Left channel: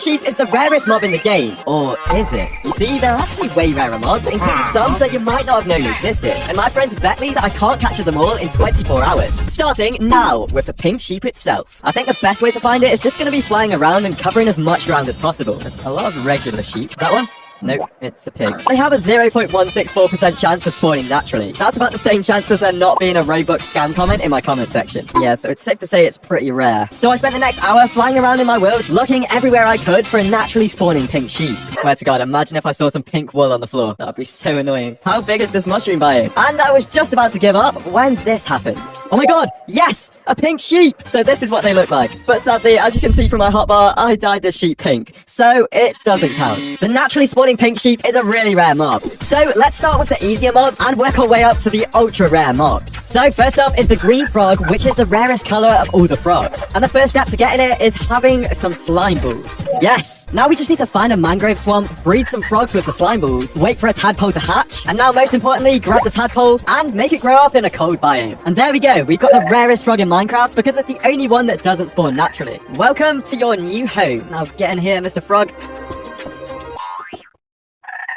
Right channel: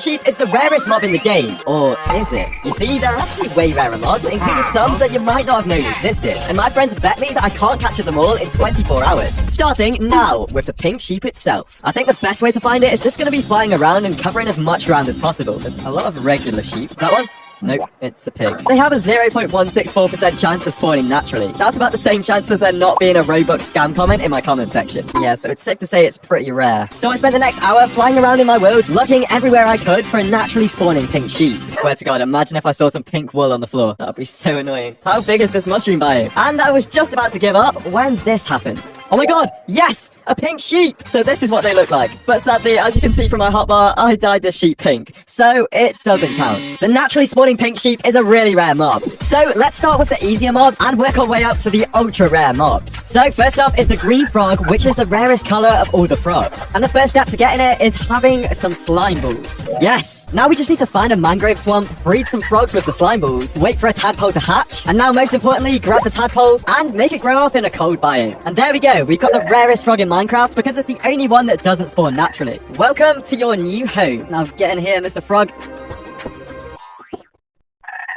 pink sheep is the rarest mob in the game. Or is it? You see, there are actually way rarer mobs, including some that you might not have known existed. And my friends bet me that I can't capture them all in 24 hours. Starting now with the pink sheep itself. I think the best way to find it is just going to be flying around and covering as much ground as possible. There's a lot of regular sheep. That one? Nope, it's a pig. They have a 0.164% chance of spawning naturally. That's about the same chance as there not being a Robux scam comment in my comment section. Yeah, so it's safe to say it's pretty rare. So I spent the next hour flying around in my world, looking everywhere I could for a naturally spawning pink sheep. I swear to God, imagine if I saw some pink wool on the floor. That'd be so annoying. How big is this mushroom biome? And I was just about to give up when this happened. Oh my God, yes, a pink sheep. So this is what they look like. But sadly, as you can see from my hotbar, I dyed this sheep pink. So it doesn't count. The naturally spawning pink sheep is a really rare mob. So let's start with the easier mobs and work our way up to the ultra rare mobs. So first up is the green frog, which is the rarest color of all the frogs. And the first step to getting it is having some slime balls. Yes, now we just need to find a mangrove swamp, breed some frogs with the slime balls, wait for a tadpole to hatch, and now most importantly, grab the tadpole and make it grow up in a cold biome. And there we go. We've got the rarest frog in Minecraft because it's the only one that doesn't spawn naturally. Welcome to your new home. Now get in here, Mr. Frog.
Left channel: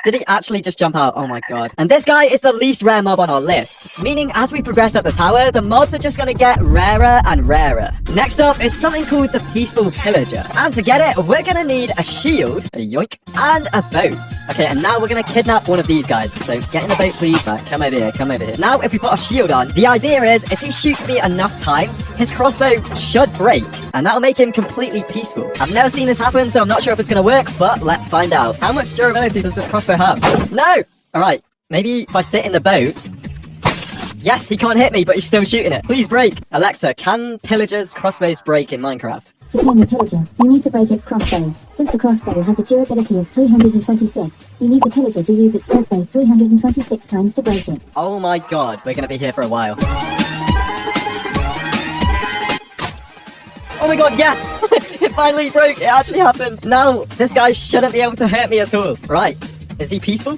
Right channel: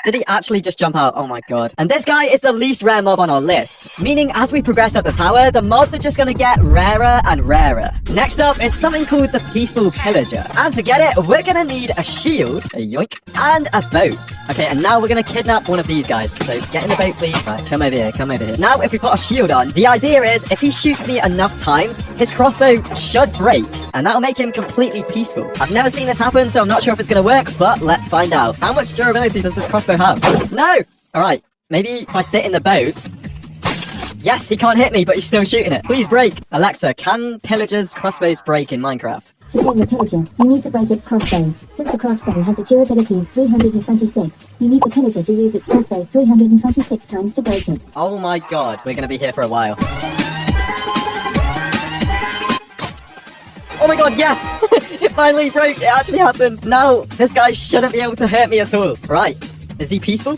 Did he actually just jump out? Oh my God. And this guy is the least rare mob on our list. Meaning as we progress up the tower, the mobs are just gonna get rarer and rarer. Next up is something called the Peaceful Pillager. And to get it, we're gonna need a shield, a yoink, and a boat. Okay, and now we're gonna kidnap one of these guys. So get in the boat, please. Right, come over here, come over here. Now, if we put a shield on, the idea is if he shoots me enough times, his crossbow should break. And that'll make him completely peaceful. I've never seen this happen, so I'm not sure if it's gonna work, but let's find out. How much durability does this crossbow have? No! Alright, maybe if I sit in the boat. Yes, he can't hit me, but he's still shooting it. Please break. Alexa, can pillagers' crossbows break in Minecraft? To tame the pillager, you need to break its crossbow. Since the crossbow has a durability of 326, you need the pillager to use its crossbow 326 times to break it. Oh my God, we're gonna be here for a while. Oh my God, yes! It finally broke, it actually happened. Now, this guy shouldn't be able to hurt me at all. Right. Is he peaceful?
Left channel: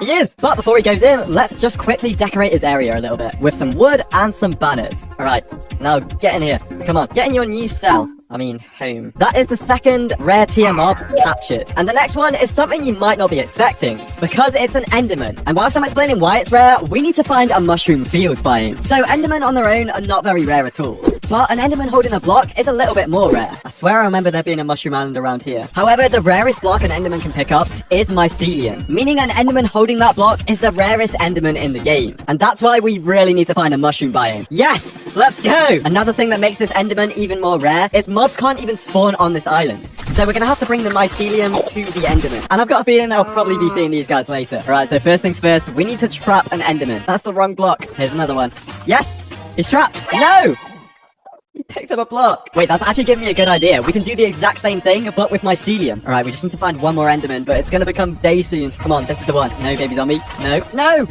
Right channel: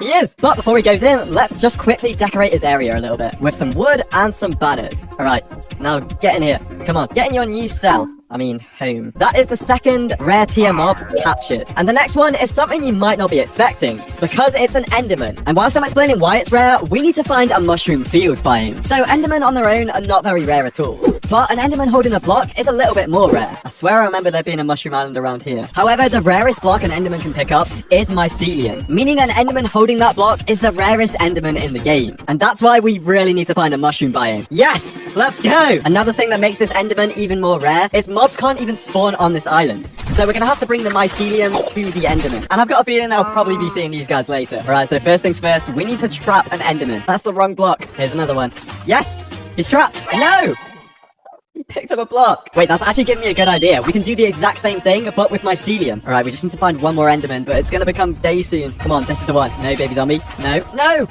He is! But before he goes in, let's just quickly decorate his area a little bit with some wood and some banners. Alright, now get in here. Come on, get in your new cell. I mean, home. That is the second rare tier mob captured. And the next one is something you might not be expecting, because it's an Enderman. And whilst I'm explaining why it's rare, we need to find a mushroom field biome. So Endermen on their own are not very rare at all. But an Enderman holding a block is a little bit more rare. I swear I remember there being a mushroom island around here. However, the rarest block an Enderman can pick up is mycelium, meaning an Enderman holding that block is the rarest Enderman in the game. And that's why we really need to find a mushroom biome. Yes! Let's go! Another thing that makes this Enderman even more rare is mobs can't even spawn on this island. So we're gonna have to bring the mycelium to the Enderman. And I've got a feeling I'll probably be seeing these guys later. Right, so first things first, we need to trap an Enderman. That's the wrong block. Here's another one. Yes! He's trapped! No! He picked up a block. Wait, that's actually giving me a good idea. We can do the exact same thing, but with mycelium. Alright, we just need to find one more Enderman, but it's gonna become day soon. Come on, this is the one. No, baby zombie. No. No!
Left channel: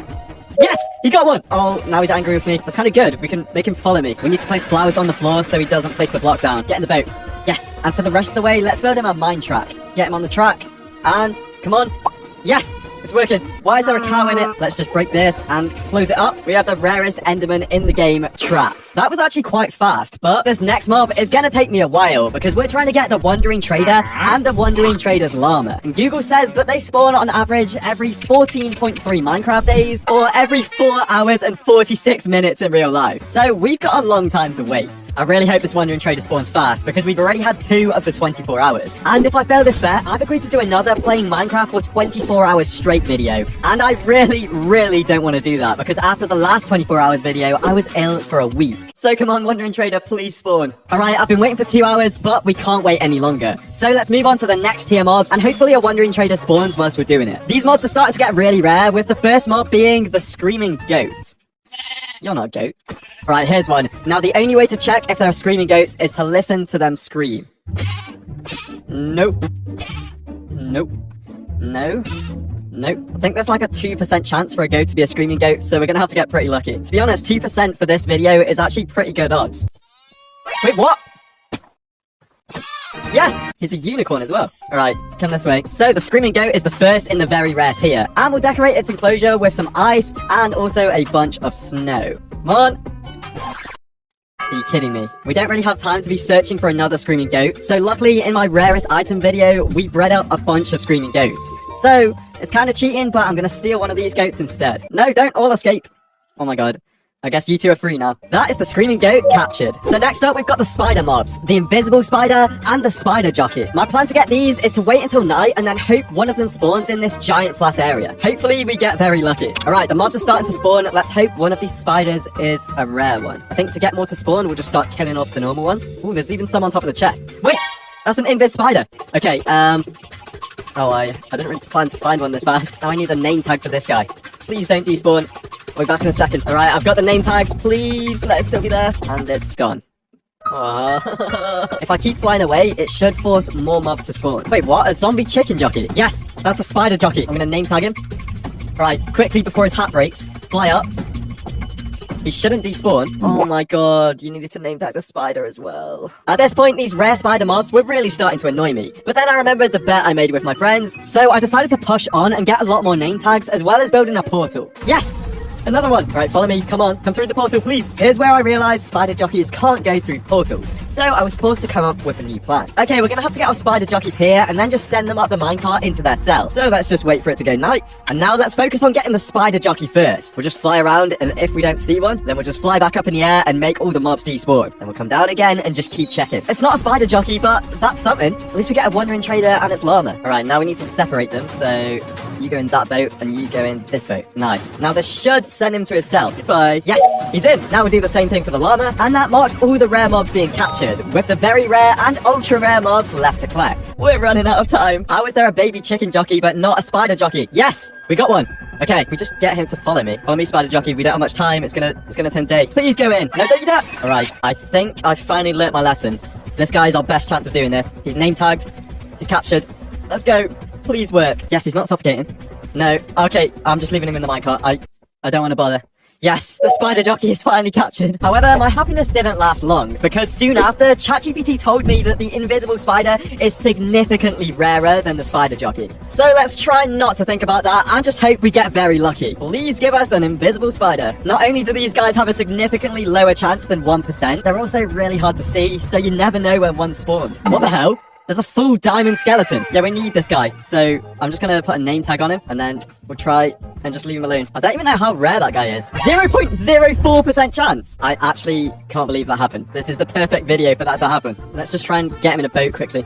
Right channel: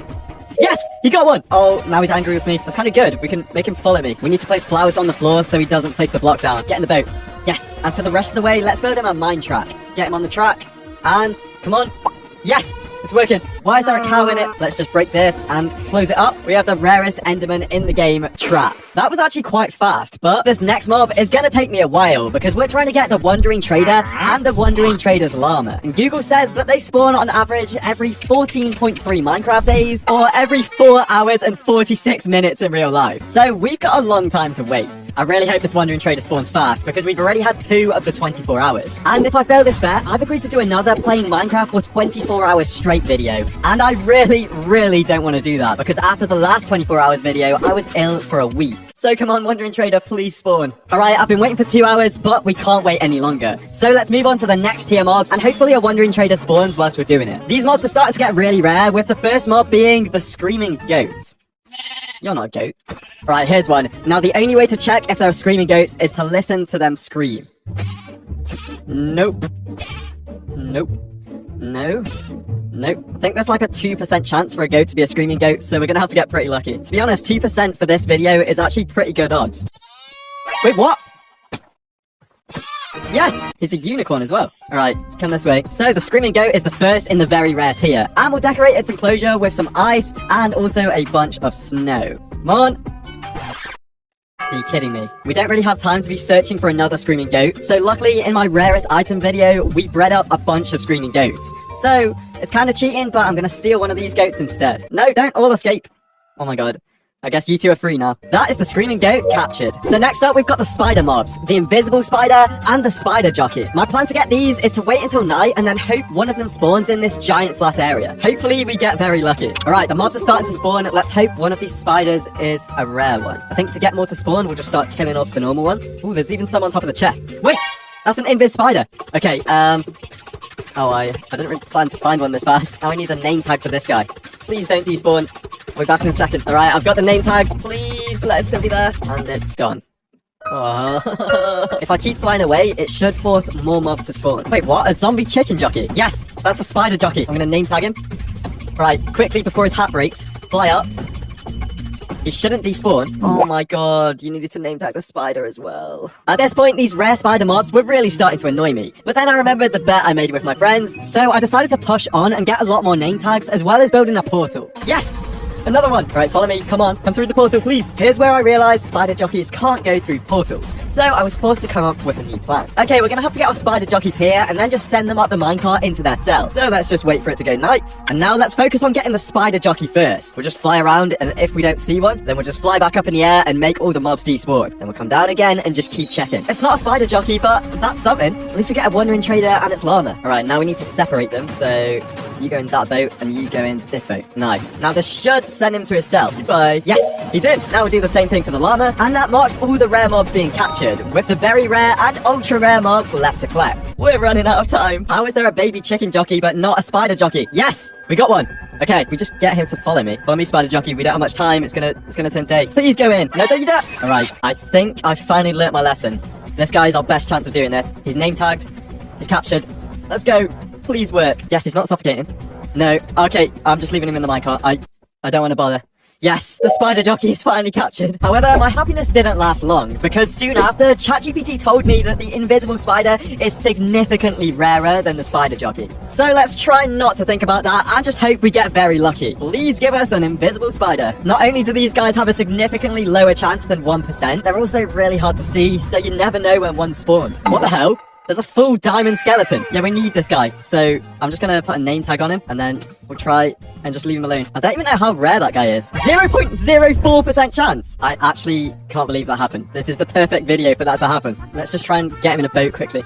Yes! He got one! Oh, now he's angry with me. That's kind of good. We can make him follow me. We need to place flowers on the floor so he doesn't place the block down. Get in the boat. Yes! And for the rest of the way, let's build him a mine track. Get him on the track. And, come on. Yes! It's working. Why is there a cow in it? Let's just break this and close it up. We have the rarest Enderman in the game trapped. That was actually quite fast, but this next mob is gonna take me a while because we're trying to get the Wandering Trader and the Wandering Trader's llama. And Google says that they spawn on average every 14.3 Minecraft days or every 4 hours and 46 minutes in real life. So we've got a long time to wait. I really hope this Wandering Trader spawns fast because we've already had 2 of the 24 hours. And if I fail this bet, I've agreed to do another playing Minecraft for 24 hours straight video. And I really don't want to do that because after the last 24 hours video, I was ill for a week. So come on, Wandering Trader, please spawn. Alright, I've been waiting for 2 hours, but we can't wait any longer. So let's move on to the next tier mobs, and hopefully a Wandering Trader spawns whilst we're doing it. These mobs are starting to get really rare, with the first mob being the Screaming Goat. You're not a goat. Alright, here's one. Now, the only way to check if there are screaming goats is to listen to them scream. Nope. Nope. No. Nope. I think there's like a 2% chance for a goat to be a screaming goat, so we're gonna have to get pretty lucky. To be honest, 2% for this video is actually pretty good odds. Wait, what? Yes! He's a unicorn as well. Alright, come this way. So, the Screaming Goat is the first in the very rare tier, and we'll decorate its enclosure with some ice and also a bunch of snow. Come on! Are you kidding me? We don't really have time to be searching for another screaming goat. So luckily, in my rarest item video, we bred up a bunch of screaming goats. So, it's kind of cheating, but I'm gonna steal one of these goats instead. No, don't all escape. Oh my god. I guess you two are free now. That is the screaming goat captured. So next up, we've got the spider mobs, the invisible spider, and the spider jockey. My plan to get these is to wait until night and then hope one of them spawns in this giant flat area. Hopefully, we get very lucky. Alright, the mobs are starting to spawn. Let's hope one of these spiders is a rare one. I think to get more to spawn, we'll just start killing off the normal ones. Ooh, there's even some on top of the chest. Wait! That's an invis spider. Okay, Oh, I didn't really plan to find one this fast. Now I need a name tag for this guy. Please don't despawn. We'll be back in a second. Alright, I've got the name tags. Please let it still be there. And it's gone. Aww. If I keep flying away, it should force more mobs to spawn. Wait, what? A zombie chicken jockey? Yes, that's a spider jockey. I'm gonna name tag him. Right, quickly before his hat breaks, fly up. He shouldn't despawn. Oh my god, you needed to name tag the spider as well. At this point, these rare spider mobs were really starting to annoy me. But then I remembered the bet I made with my friends, so I decided to push on and get a lot more name tags, as well as building a portal. Yes! Another one! Right, follow me, come on, come through the portal, please! Here's where I realised spider jockeys can't go through portals, so I was forced to come up with a new plan. Okay, we're gonna have to get our spider jockeys here, and then just send them up the minecart into their cell. So let's just wait for it to go night. And now let's focus on getting the spider jockey first. We'll just fly around, and if we don't see one, then we'll just fly back up in the air and make all the mobs despawn. Then we'll come down again and just keep checking. It's not a spider jockey, but that's something. At least we get a wandering trader and its llama. Alright, now we need to separate them, so you go in that boat, and you go in this boat. Nice. Now this should send him to his cell. Goodbye. Yes, he's in. Now we'll do the same thing for the llama, and that marks all the rare mobs being captured, with the very rare and ultra rare mobs left to collect. We're running out of time. How is there a baby chicken jockey but not a spider jockey? Yes, we got one. Okay, we just get him to follow me. Follow me, spider jockey. We don't have much time. It's gonna turn day. Please go in. No, don't you dare. All right, I think I finally learnt my lesson. This guy is our best chance of doing this. He's name tagged. He's captured. Let's go. Please work. Yes, he's not suffocating. No. Okay, I'm just leaving him in the minecart. I don't want to bother. Yes, the spider jockey is finally captured. However, my happiness didn't last long, because soon after, ChatGPT told me that the invisible spider is significantly rarer than the spider jockey. So let's try not to think about that and just hope we get very lucky. Please give us an invisible spider. Not only do these guys have a significantly lower chance than 1%, they're also really hard to see, so you never know when one's spawned. What the hell? There's a full diamond skeleton. Yeah, we need this guy. So I'm just gonna put a name tag on him, and then we'll try and just leave him alone. I don't even know how rare that guy is. 0.04% chance. I actually can't believe that happened. This is the perfect video for that to happen. Let's just try and get him in a boat quickly.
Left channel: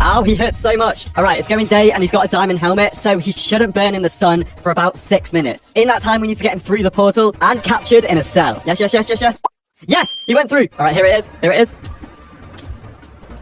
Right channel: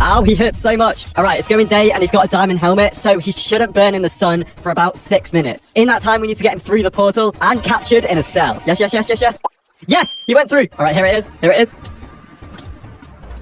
Ow, he hurts so much. Alright, it's going day, and he's got a diamond helmet, so he shouldn't burn in the sun for about 6 minutes. In that time, we need to get him through the portal and captured in a cell. Yes, yes, yes, yes, yes. Yes, he went through. Alright, here it is. Here it is.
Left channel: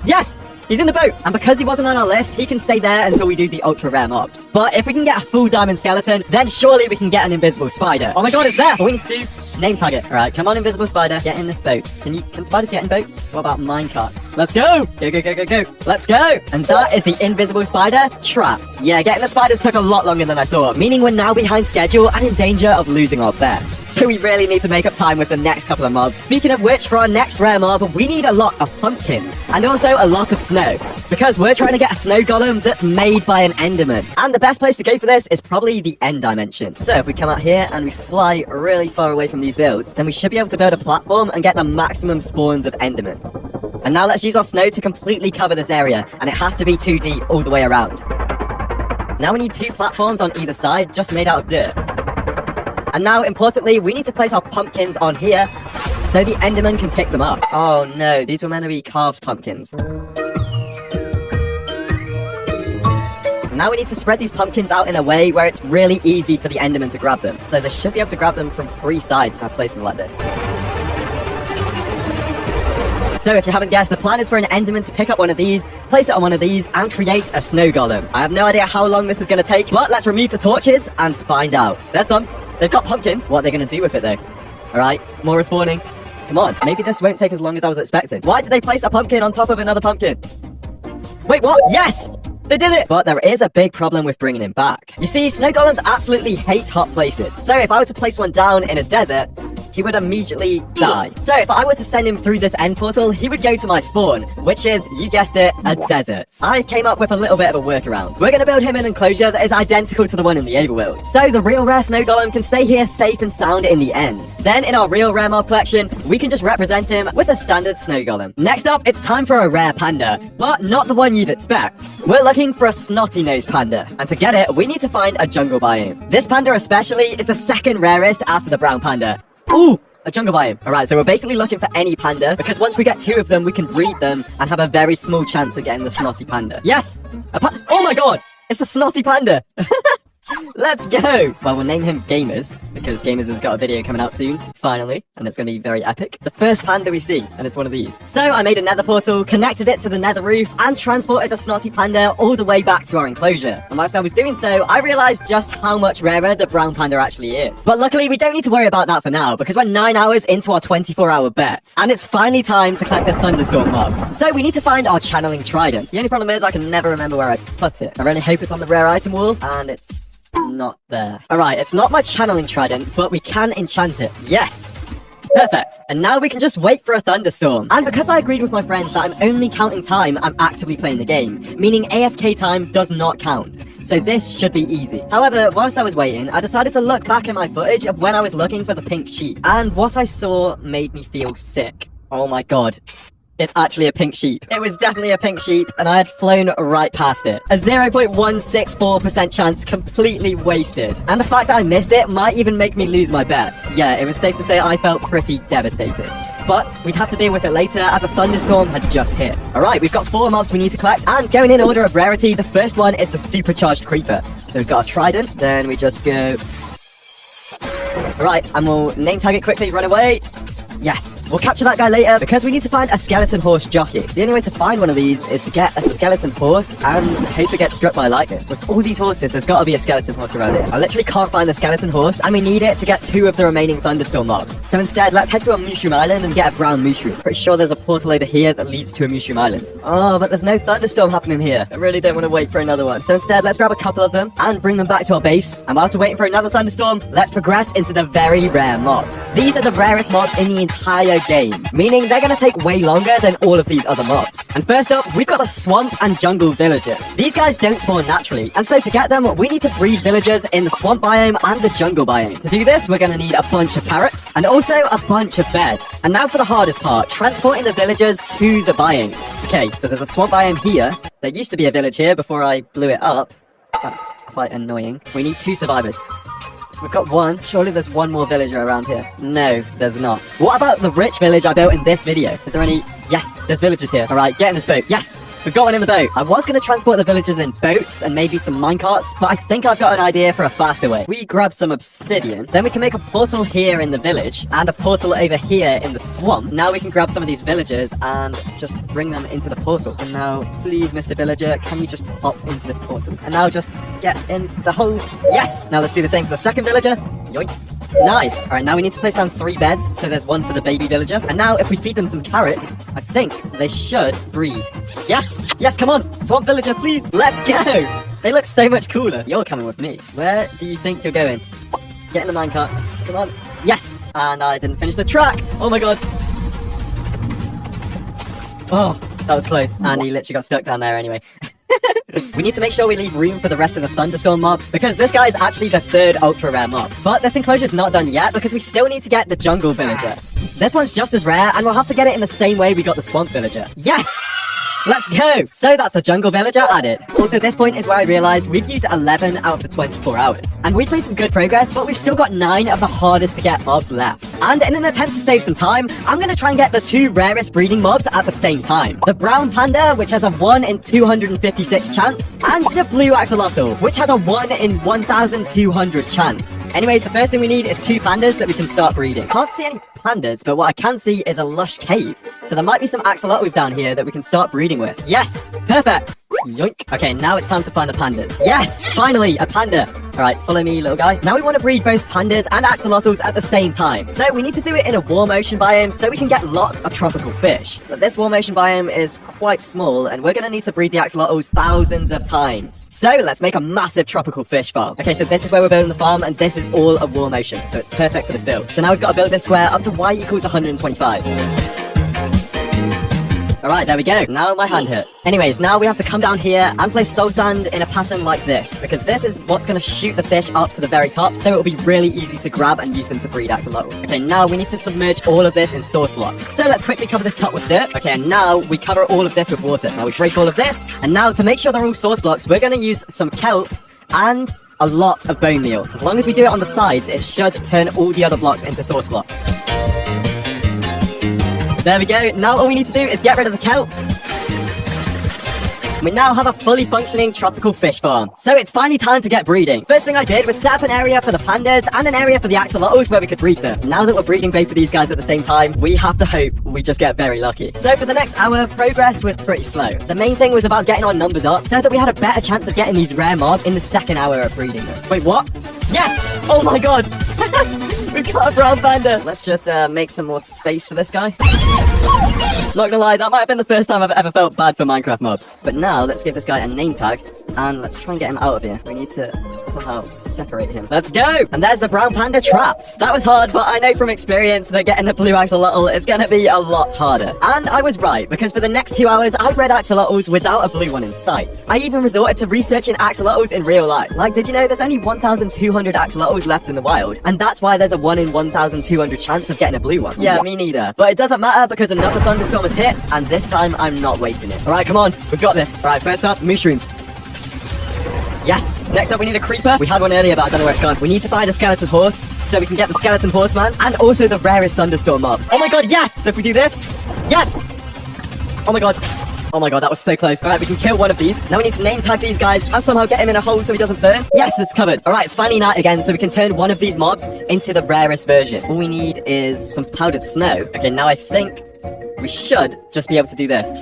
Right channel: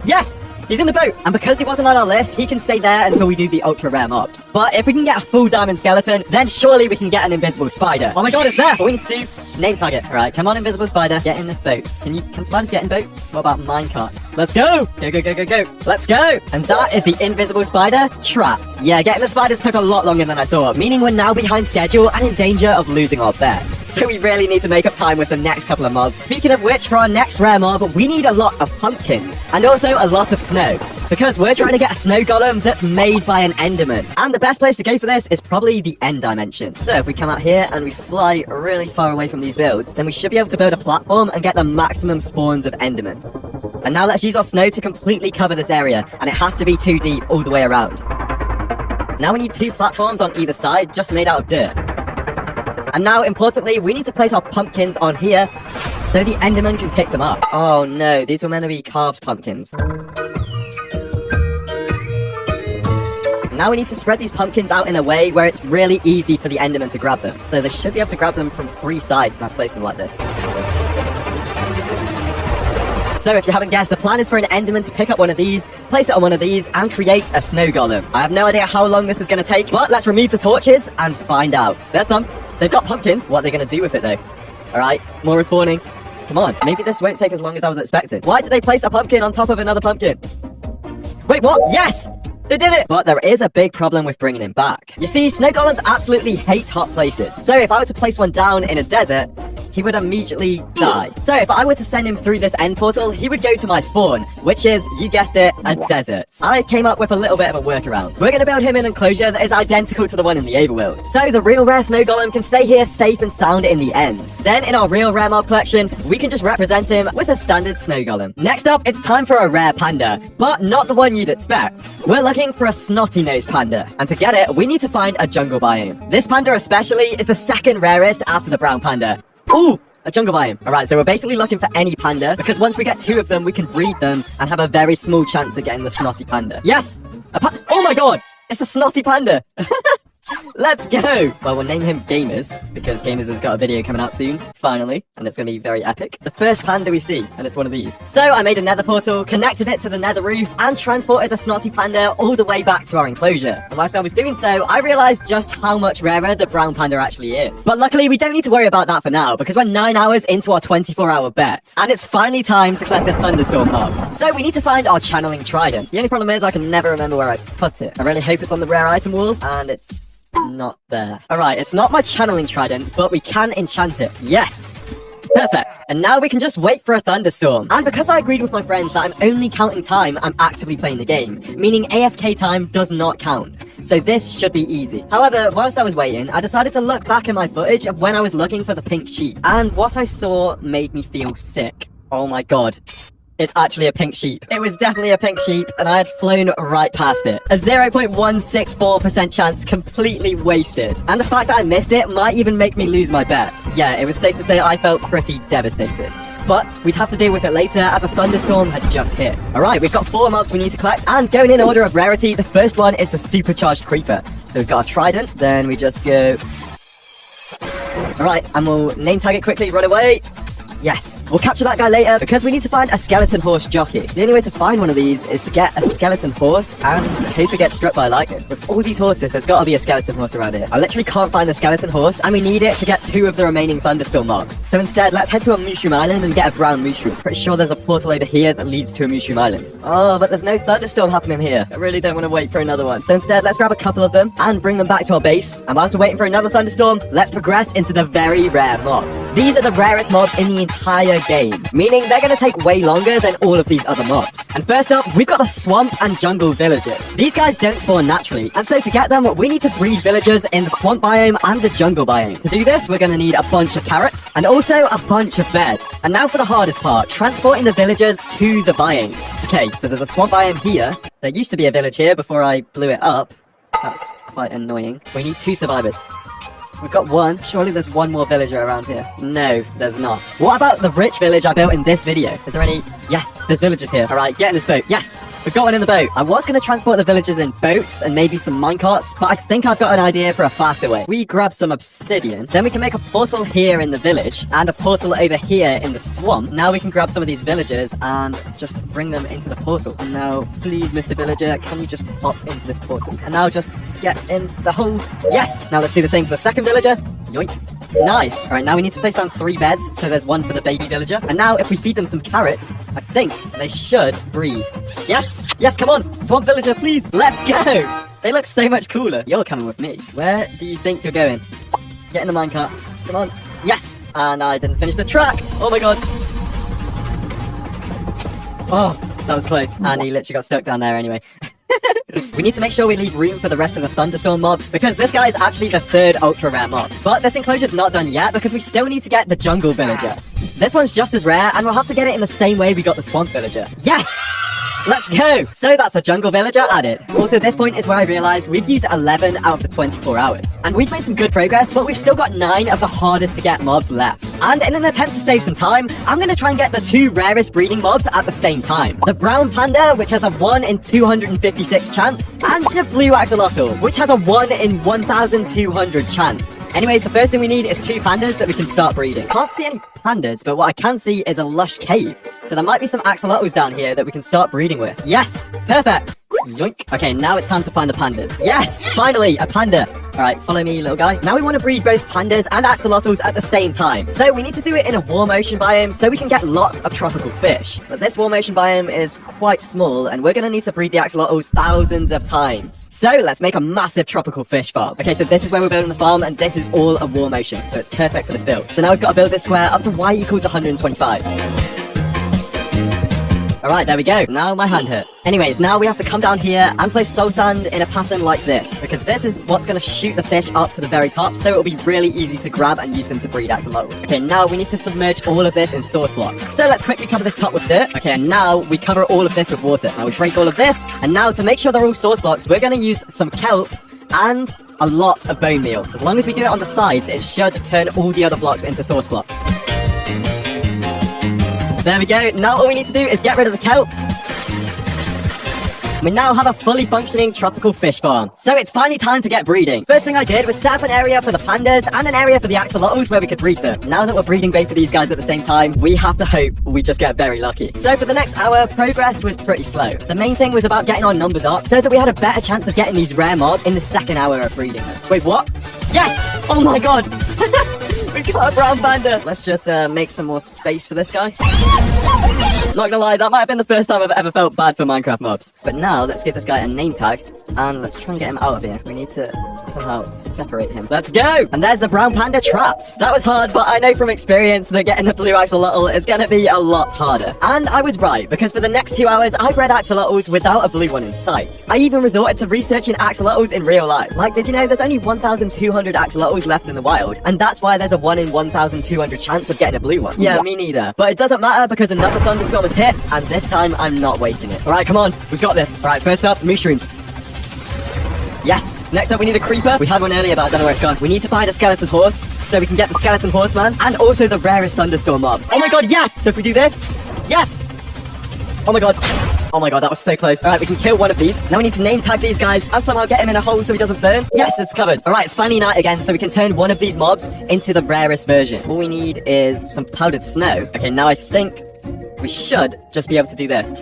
Yes! He's in the boat! And because he wasn't on our list, he can stay there until we do the ultra rare mobs. But if we can get a full diamond skeleton, then surely we can get an invisible spider. Oh my god, it's there! But we need to do name tag it. Alright, come on, invisible spider, get in this boat. Can spiders get in boats? What about minecarts? Let's go! Go, go, go, go, go. Let's go! And that is the invisible spider trapped. Yeah, getting the spiders took a lot longer than I thought, meaning we're now behind schedule and in danger of losing our bet. So we really need to make up time with the next couple of mobs. Speaking of which, for our next rare mob, we need a lot of pumpkins. And also a lot of snow. Because we're trying to get a snow golem that's made by an enderman. And the best place to go for this is probably the end dimension. So if we come out here and we fly really far away from these builds, then we should be able to build a platform and get the maximum spawns of enderman. And now let's use our snow to completely cover this area, and it has to be 2D all the way around. Now we need 2 platforms on either side, just made out of dirt. And now, importantly, we need to place our pumpkins on here, so the enderman can pick them up. Oh no, these were meant to be carved pumpkins. Now we need to spread these pumpkins out in a way where it's really easy for the enderman to grab them. So they should be able to grab them from 3 sides if I place them like this. So if you haven't guessed, the plan is for an enderman to pick up one of these, place it on one of these, and create a snow golem. I have no idea how long this is going to take, but let's remove the torches and find out. There's some. They've got pumpkins. What are they going to do with it though? Alright, more are spawning. Come on, maybe this won't take as long as I was expecting. Why did they place a pumpkin on top of another pumpkin? Wait, what? Yes! They did it! But there is a big problem with bringing him back. You see, snow golems absolutely hate hot places. So if I were to place one down in a desert, he would immediately die. So if I were to send him through this end portal, he would go to my spawn, which is, you guessed it, a desert. I came up with a little bit of a workaround. We're gonna build him an enclosure that is identical to the one in the overworld. So the real rare snow golem can stay here safe and sound in the end. Then in our real rare mob collection, we can just represent him with a standard snow golem. Next up, it's time for a rare panda, but not the one you'd expect. We're looking for a snotty nose panda, and to get it, we need to find a jungle biome. This panda especially is the second rarest after the brown panda. Ooh! A jungle biome. Alright, so we're basically looking for any panda, because once we get 2 of them, we can breed them and have a very small chance of getting the snotty panda. Yes! Oh my god! It's the snotty panda! Let's go! Well, we'll name him Gamers, because Gamers has got a video coming out soon, finally, and it's going to be very epic. The first panda we see, and it's one of these. So I made a nether portal, connected it to the nether roof, and transported the snotty panda all the way back to our enclosure. And whilst I was doing so, I realised just how much rarer the brown panda actually is. But luckily, we don't need to worry about that for now, because we're 9 hours into our 24-hour bet. And it's finally time to collect the thunderstorm mobs. So we need to find our channeling trident. The only problem is I can never remember where I put it. I really hope it's on the rare item wall, and it's not there. Alright, it's not my channeling trident, but we can enchant it. Yes! Perfect. And now we can just wait for a thunderstorm. And because I agreed with my friends that I'm only counting time, I'm actively playing the game, meaning AFK time does not count. So this should be easy. However, whilst I was waiting, I decided to look back at my footage of when I was looking for the pink sheep. And what I saw made me feel sick. Oh my god. It's actually a pink sheep. It was definitely a pink sheep, and I had flown right past it. A 0.164% chance completely wasted. And the fact that I missed it might even make me lose my bet. Yeah, it was safe to say I felt pretty devastated. But we'd have to deal with it later as a thunderstorm had just hit. Alright, we've got 4 mobs we need to collect, and going in order of rarity, the first one is the supercharged creeper. So we've got a trident, then we just go... Alright, and we'll name tag it quickly, run away. Yes, we'll capture that guy later because we need to find a skeleton horse jockey. The only way to find one of these is to get a skeleton horse and hope it gets struck by lightning. With all these horses, there's got to be a skeleton horse around here. I literally can't find the skeleton horse, and we need it to get 2 of the remaining thunderstorm mobs. So instead, let's head to a mushroom island and get a brown mushroom. Pretty sure there's a portal over here that leads to a mushroom island. Oh, but there's no thunderstorm happening here. I really don't want to wait for another one. So instead, let's grab a couple of them and bring them back to our base. And whilst we're waiting for another thunderstorm, let's progress into the very rare mobs. These are the rarest mobs in the entire game, meaning they're going to take way longer than all of these other mobs. And first up, we've got the swamp and jungle villagers. These guys don't spawn naturally, and so to get them, we need to breed villagers in the swamp biome and the jungle biome. To do this, we're going to need a bunch of carrots and also a bunch of beds. And now for the hardest part, transporting the villagers to the biomes. Okay, so there's a swamp biome here. There used to be a village here before I blew it up. That's quite annoying. We need 2 survivors. We've got 1. Surely there's 1 more villager around here. No, there's not. What about the rich village I built in this video? Is there any... Yes, there's villagers here. Alright, get in this boat. Yes, we've got one in the boat. I was going to transport the villagers in boats and maybe some minecarts, but I think I've got an idea for a faster way. We grab some obsidian, then we can make a portal here in the village and a portal over here in the swamp. Now we can grab some of these villagers and just bring them into the portal. And now, please, Mr. Villager, can you just hop into this portal? And now just get in the hole. Yes! Now let's do the same for the second villager. Yoink. Nice. Alright, now we need to place down 3 beds, so there's 1 for the baby villager. And now if we feed them some carrots, I think they should breed. Yes! Yes, come on! Swamp villager, please! Let's go! They look so much cooler. You're coming with me. Where do you think you're going? Get in the minecart. Come on. Yes! And I didn't finish the track! Oh my god! Oh, that was close. And he literally got stuck down there anyway. We need to make sure we leave room for the rest of the thunderstorm mobs, because this guy is actually the 3rd ultra rare mob. But this enclosure's not done yet, because we still need to get the jungle villager. This one's just as rare, and we'll have to get it in the same way we got the swamp villager. Yes! Let's go! So that's the jungle villager added. Also, this point is where I realised we've used 11 out of the 24 hours. And we've made some good progress, but we've still got 9 of the hardest to get mobs left. And in an attempt to save some time, I'm going to try and get the 2 rarest breeding mobs at the same time. The brown panda, which has a 1 in 256 chance, and the blue axalotl, which has a 1 in 1200 chance. Anyways, the first thing we need is 2 pandas that we can start breeding. Can't see any pandas, but what I can see is a lush cave. So there might be some axolotls down here that we can start breeding with. Yes! Perfect! Yoink. Okay, now it's time to find the pandas. Yes, finally, a panda. All right, follow me, little guy. Now we want to breed both pandas and axolotls at the same time. So we need to do it in a warm ocean biome so we can get lots of tropical fish. But this warm ocean biome is quite small and we're going to need to breed the axolotls thousands of times. So let's make a massive tropical fish farm. Okay, so this is where we're building the farm and this is all of warm ocean. So it's perfect for this build. So now we've got to build this square up to y equals 125. Alright, there we go. Now my hand hurts. Anyways, now we have to come down here and place soul sand in a pattern like this, because this is what's going to shoot the fish up to the very top, so it'll be really easy to grab and use them to breed axolotls. Okay, now we need to submerge all of this in source blocks. So let's quickly cover this top with dirt. Okay, and now we cover all of this with water. Now we break all of this, and now to make sure they're all source blocks, we're going to use some kelp and a lot of bone meal. As long as we do it on the sides, it should turn all the other blocks into source blocks. There we go. Now all we need to do is get rid of the kelp. We now have a fully functioning tropical fish farm. So it's finally time to get breeding. First thing I did was set up an area for the pandas and an area for the axolotls where we could breed them. Now that we're breeding both of these guys at the same time, we have to hope we just get very lucky. So for the next hour, progress was pretty slow. The main thing was about getting our numbers up so that we had a better chance of getting these rare mobs in the second hour of breeding them. Wait, what? Yes! Oh my god! We got a brown panda! Let's just make some more space for this guy. Not gonna lie, that might have been the first time I've ever felt bad for Minecraft mobs. But now, let's give this guy a name tag, and let's try and get him out of here. We need to somehow separate him. Let's go! And there's the brown panda trapped. That was hard, but I know from experience that getting the blue axolotl is gonna be a lot harder. And I was right, because for the next 2 hours, I bred axolotls without a blue one in sight. I even resorted to researching axolotls in real life. Like, did you know there's only 1,200 axolotls left in the wild? And that's why there's a 1 in 1,200 chance of getting a blue one. Yeah, me neither. But it doesn't matter, because another thunderstorm has hit, and this time I'm not wasting it. Alright, come on, we've got this. Alright, first up, mushrooms. Yes! Next up we need a creeper. We had one earlier but I don't know where it's gone. We need to find a skeleton horse so we can get the skeleton horseman and also the rarest thunderstorm mob. Oh my god, yes! So if we do this, yes! Oh my god. Oh my god, that was so close. Alright, we can kill one of these. Now we need to name tag these guys and somehow get him in a hole so he doesn't burn. Yes, it's covered. Alright, it's finally night again so we can turn one of these mobs into the rarest version. All we need is some powdered snow. Okay, now I think we should just be able to do this.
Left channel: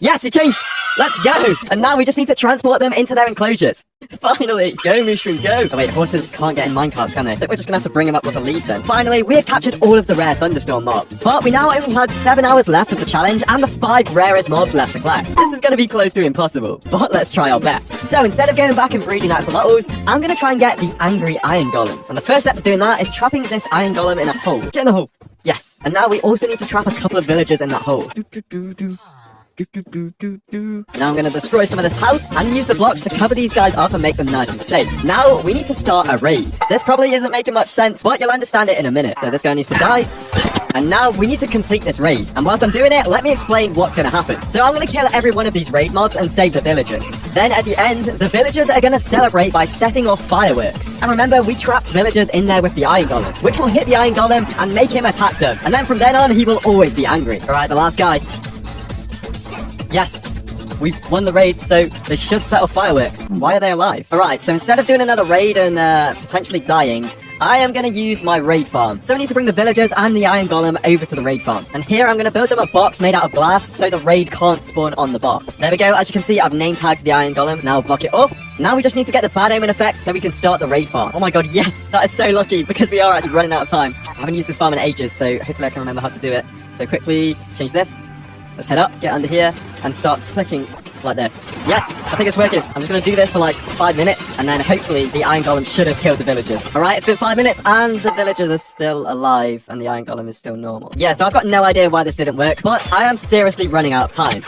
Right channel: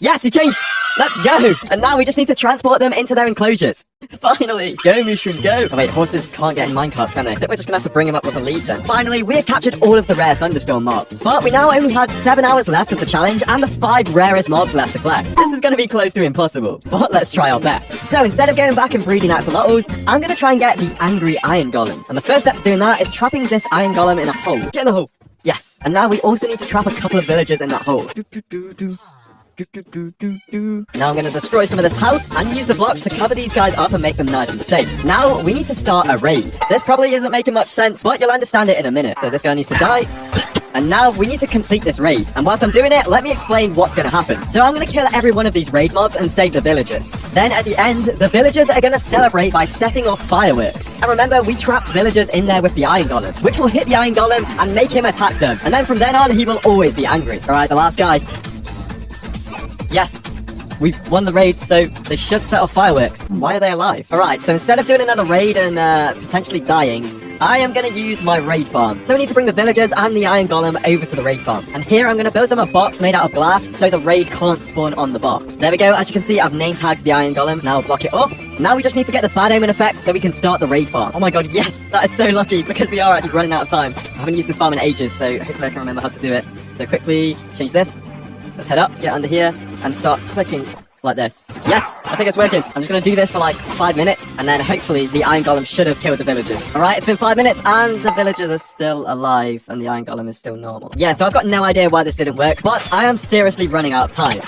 Yes, it changed! Let's go! And now we just need to transport them into their enclosures. Finally! Go, Mushroom, go! Oh wait, horses can't get in minecarts, can they? I think we're just gonna have to bring them up with a lead then. Finally, we have captured all of the rare thunderstorm mobs. But we now only had 7 hours left of the challenge and the 5 rarest mobs left to collect. This is gonna be close to impossible, but let's try our best. So instead of going back and breeding axolotls, I'm gonna try and get the angry iron golem. And the first step to doing that is trapping this iron golem in a hole. Get in the hole! Yes! And now we also need to trap a couple of villagers in that hole. Now I'm going to destroy some of this house and use the blocks to cover these guys up and make them nice and safe. Now we need to start a raid. This probably isn't making much sense, but you'll understand it in a minute. So this guy needs to die. And now we need to complete this raid. And whilst I'm doing it, let me explain what's going to happen. So I'm going to kill every one of these raid mobs and save the villagers. Then at the end, the villagers are going to celebrate by setting off fireworks. And remember, we trapped villagers in there with the iron golem, which will hit the iron golem and make him attack them. And then from then on, he will always be angry. Alright, the last guy. Yes, we've won the raid, so they should set off fireworks. Why are they alive? Alright, so instead of doing another raid and potentially dying, I am going to use my raid farm. So we need to bring the villagers and the iron golem over to the raid farm. And here I'm going to build them a box made out of glass so the raid can't spawn on the box. There we go, as you can see I've name tagged the iron golem. Now block it off. Now we just need to get the bad omen effect so we can start the raid farm. Oh my god, yes! That is so lucky because we are actually running out of time. I haven't used this farm in ages, so hopefully I can remember how to do it. So quickly change this. Let's head up, get under here, and start clicking like this. Yes, I think it's working. I'm just going to do this for like 5 minutes, and then hopefully the iron golem should have killed the villagers. Alright, it's been 5 minutes, and the villagers are still alive, and the iron golem is still normal. Yeah, so I've got no idea why this didn't work, but I am seriously running out of time.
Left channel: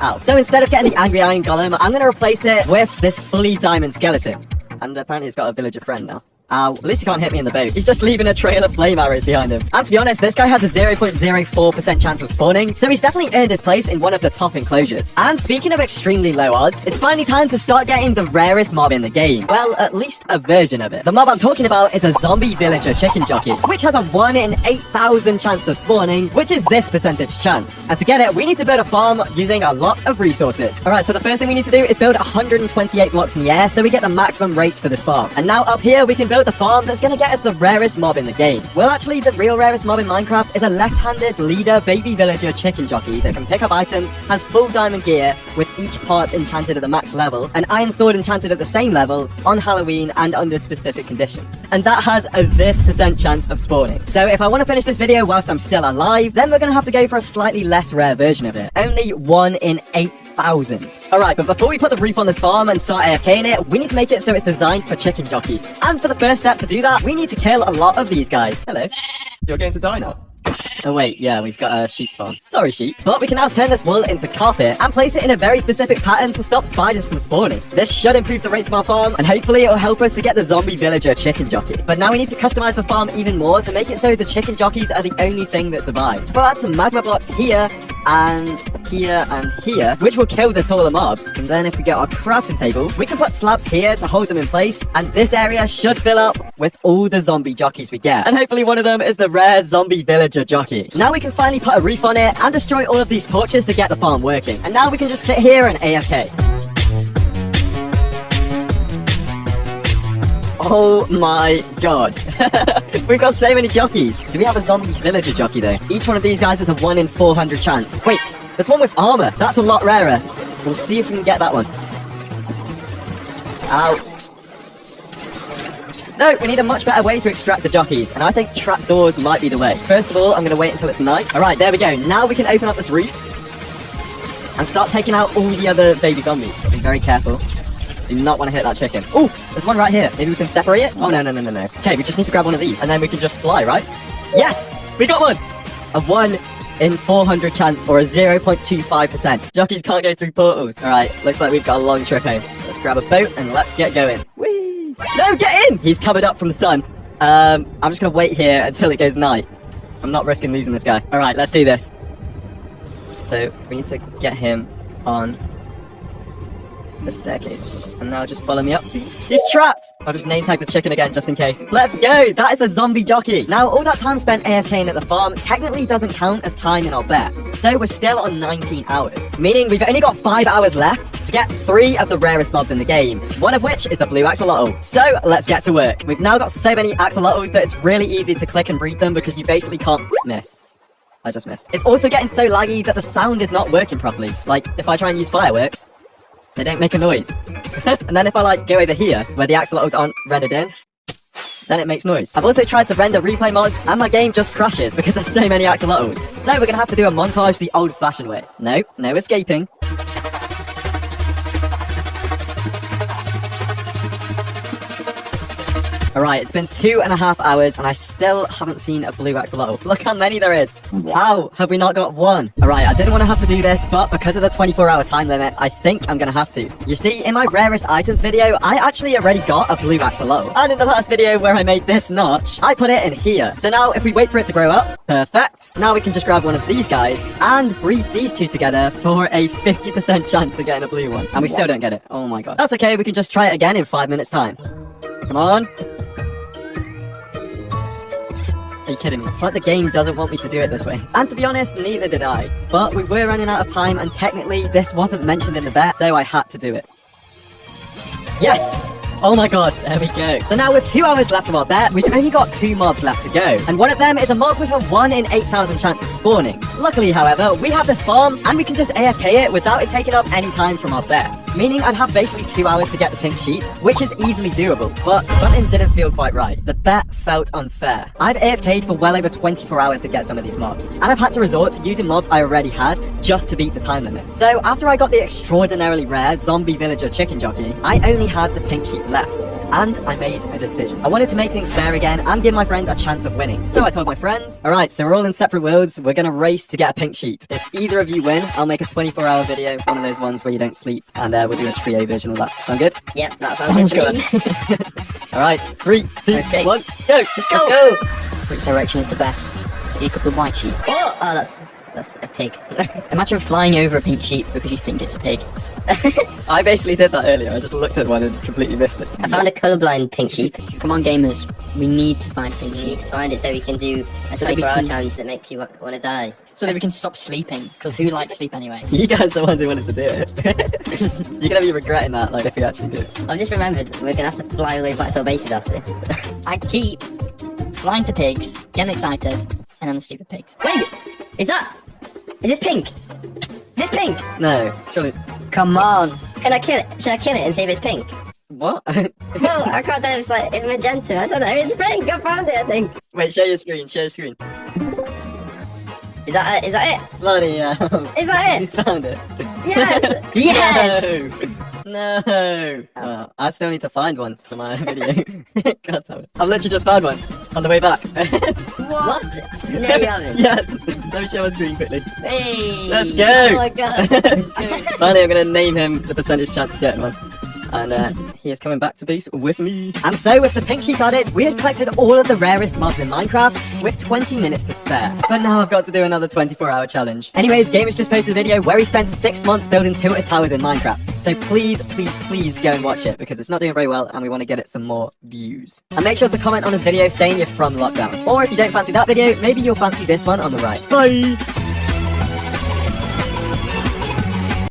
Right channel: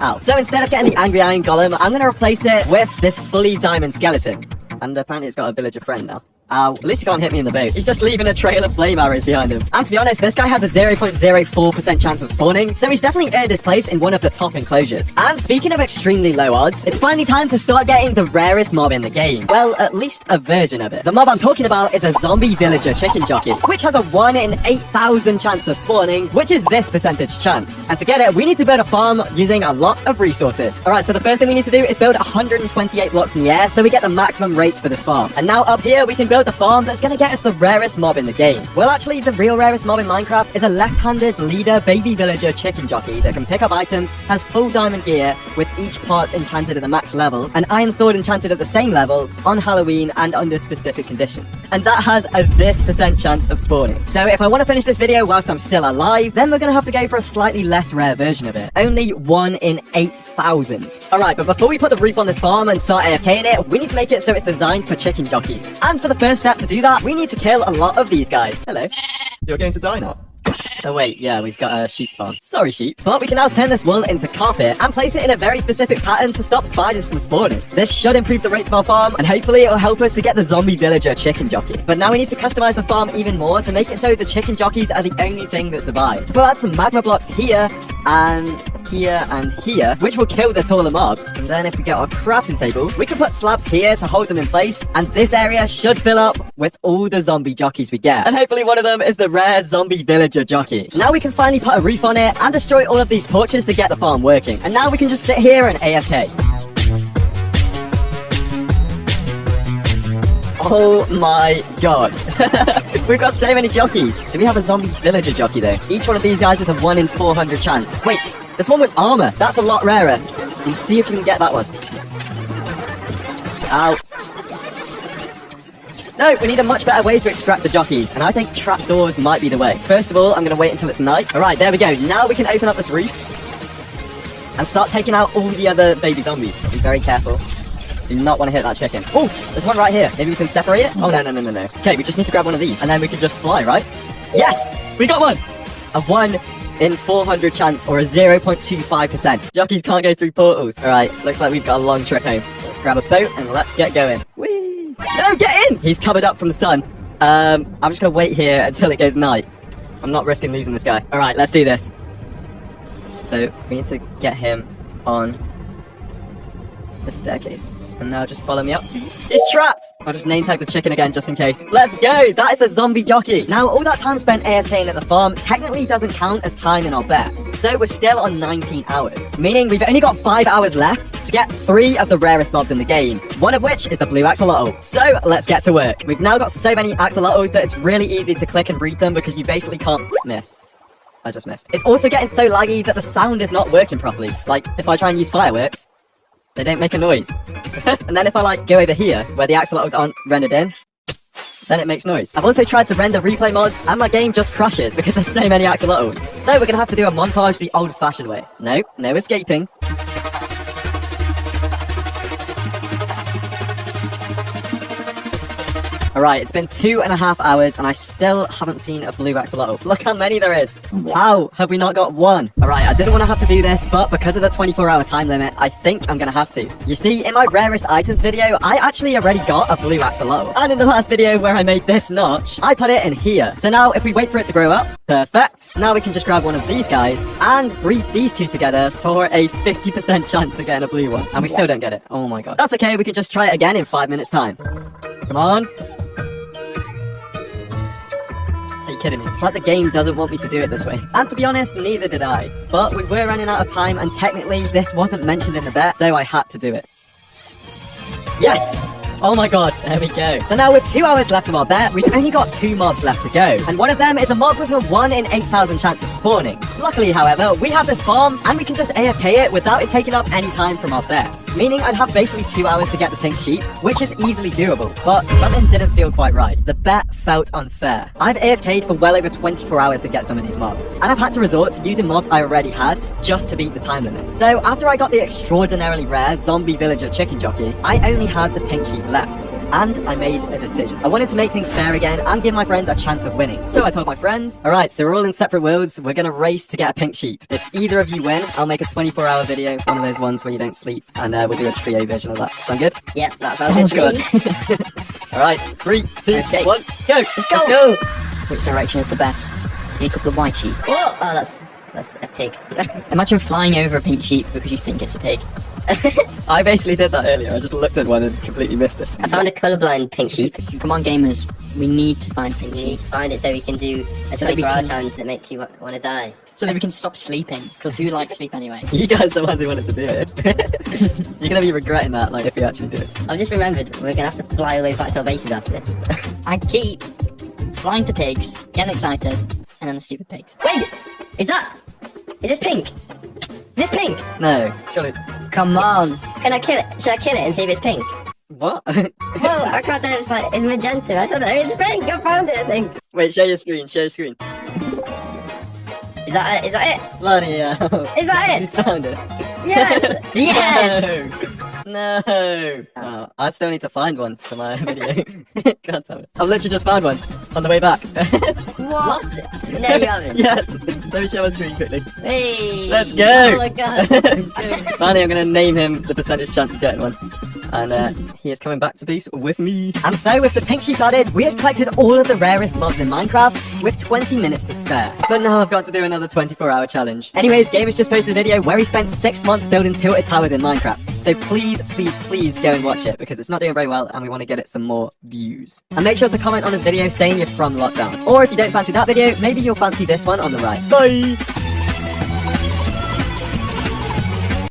Ow. So instead of getting the angry iron golem, I'm going to replace it with this fully diamond skeleton. And apparently it's got a villager friend now. At least he can't hit me in the boat. He's just leaving a trail of flame arrows behind him. And to be honest, this guy has a 0.04% chance of spawning, so he's definitely earned his place in one of the top enclosures. And speaking of extremely low odds, it's finally time to start getting the rarest mob in the game. Well, at least a version of it. The mob I'm talking about is a zombie villager chicken jockey, which has a 1 in 8,000 chance of spawning, which is this percentage chance. And to get it, we need to build a farm using a lot of resources. Alright, so the first thing we need to do is build 128 blocks in the air so we get the maximum rate for this farm. And now up here, we can build build the farm that's gonna get us the rarest mob in the game. Well, actually, the real rarest mob in Minecraft is a left-handed leader baby villager chicken jockey that can pick up items, has full diamond gear, with each part enchanted at the max level, an iron sword enchanted at the same level, on Halloween and under specific conditions. And that has a this % chance of spawning. So if I want to finish this video whilst I'm still alive, then we're gonna have to go for a slightly less rare version of it. Only 1 in 8,000. Alright, but before we put the roof on this farm and start AFKing it, we need to make it so it's designed for chicken jockeys. And for the first step to do that, we need to kill a lot of these guys. Hello. You're going to die now. Oh wait, yeah, we've got a sheep farm. Sorry, sheep. But we can now turn this wool into carpet and place it in a very specific pattern to stop spiders from spawning. This should improve the rates of our farm, and hopefully it will help us to get the zombie villager chicken jockey. But now we need to customize the farm even more to make it so the chicken jockeys are the only thing that survives. We'll add some magma blocks here, and here, and here, which will kill the taller mobs. And then if we get our crafting table, we can put slabs here to hold them in place, and this area should fill up with all the zombie jockeys we get. And hopefully one of them is the rare zombie villager jockey. Now we can finally put a roof on it and destroy all of these torches to get the farm working. And now we can just sit here and AFK. Oh my god. We've got so many jockeys. Do we have a zombie villager jockey though? Each one of these guys is a 1 in 400 chance. Wait, there's one with armor. That's a lot rarer. We'll see if we can get that one. Ow. No, we need a much better way to extract the jockeys, and I think trapdoors might be the way. First of all, I'm going to wait until it's night. Alright, there we go. Now we can open up this roof and start taking out all the other baby zombies. But be very careful. Do not want to hit that chicken. Oh, there's one right here. Maybe we can separate it? Oh, no. Okay, we just need to grab one of these, and then we can just fly, right? Yes! We got one! A 1 in 400 chance, or a 0.25%. Jockeys can't go through portals. Alright, looks like we've got a long trip home. Let's grab a boat, and let's get going. Whee! No, get in! He's covered up from the sun. I'm just gonna wait here until it goes night. I'm not risking losing this guy. Alright, let's do this. So, we need to get him on the staircase. And now just follow me up. He's trapped! I'll just name tag the chicken again just in case. Let's go! That is the zombie jockey! Now, all that time spent AFKing at the farm technically doesn't count as time in our bet. So we're still on 19 hours. Meaning we've only got 5 hours left to get 3 of the rarest mobs in the game. One of which is the blue axalotl. So, let's get to work. We've now got so many axalotls that it's really easy to click and breed them because you basically can't miss. I just missed. It's also getting so laggy that the sound is not working properly. Like, if I try and use fireworks, they don't make a noise. And then if I go over here, where the axolotls aren't rendered in, then it makes noise. I've also tried to render replay mods, and my game just crashes because there's so many axolotls. So we're gonna have to do a montage the old-fashioned way. Nope, no escaping. Alright, it's been 2.5 hours and I still haven't seen a blue axolotl. Look how many there is. How have we not got one? Alright, I didn't want to have to do this, but because of the 24-hour time limit, I think I'm gonna have to. You see, in my rarest items video, I actually already got a blue axolotl. And in the last video where I made this notch, I put it in here. So now if we wait for it to grow up, perfect. Now we can just grab one of these guys and breed these two together for a 50% chance of getting a blue one. And we still don't get it. Oh my god. That's okay, we can just try it again in 5 minutes time. Come on. Are you kidding me? It's like the game doesn't want me to do it this way. And to be honest, neither did I. But we were running out of time, and technically this wasn't mentioned in the bet, so I had to do it. Yes! Oh my god, there we go. So now with 2 hours left of our bet, we've only got 2 mobs left to go. And one of them is a mob with a 1 in 8,000 chance of spawning. Luckily, however, we have this farm, and we can just AFK it without it taking up any time from our bets. Meaning I'd have basically 2 hours to get the pink sheep, which is easily doable. But something didn't feel quite right. The bet felt unfair. I've AFK'd for well over 24 hours to get some of these mobs, and I've had to resort to using mobs I already had just to beat the time limit. So after I got the extraordinarily rare zombie villager chicken jockey, I only had the pink sheep left, and I made a decision. I wanted to make things fair again and give my friends a chance of winning. So I told my friends, alright, so we're all in separate worlds, we're gonna race to get a pink sheep. If either of you win, I'll make a 24-hour video, one of those ones where you don't sleep, and we'll do a trio version of that. Sound good? Yep, that sounds good. Alright, 3, 2, Okay. 1, go! Let's go! Which direction's the best? See a couple of white sheep. Oh, that's a pig. Imagine flying over a pink sheep because you think it's a pig. I basically did that earlier, I just looked at one and completely missed it. I found a colourblind pink sheep. Come on, gamers, we need to find pink sheep. Find it so we can do a 24-hour challenge that makes you want to die. So that we can stop sleeping. Because who likes sleep anyway? You guys are the ones who wanted to do it. You're gonna be regretting that, like, if you actually do it. I've just remembered we're gonna have to fly all the way back to our bases after this. I keep flying to pigs, getting excited, and then the stupid pigs. Wait! Is this pink? Is this pink? No, surely. Come on. Can I kill it? Should I kill it and see if it's pink? What? No, I can't tell if it's like, it's magenta. I don't know, it's pink. I found it, I think. Wait, share your screen, share your screen. Is that it? Bloody hell. Is that it? He's found it. Yes! Yes! No! I still need to find one for my video. God damn it. I've literally just found one on the way back. What? No, you haven't. Yeah, let me share my screen quickly. Hey! Let's go! Oh my god. Finally, I'm gonna name him the percentage chance of getting one. And he is coming back to base with me. And so with the pink sheep added, we had collected all of the rarest mobs in Minecraft with 20 minutes to spare. But now I've got to do another 24-hour challenge. Anyways, Game has just posted a video where he spent 6 months building tilted towers in Minecraft. So please go and watch it because it's not doing very well and we want to get it some more views. And make sure to comment on his video saying you're from lockdown. Or if you don't fancy that video, maybe you'll fancy this one on the right. Bye!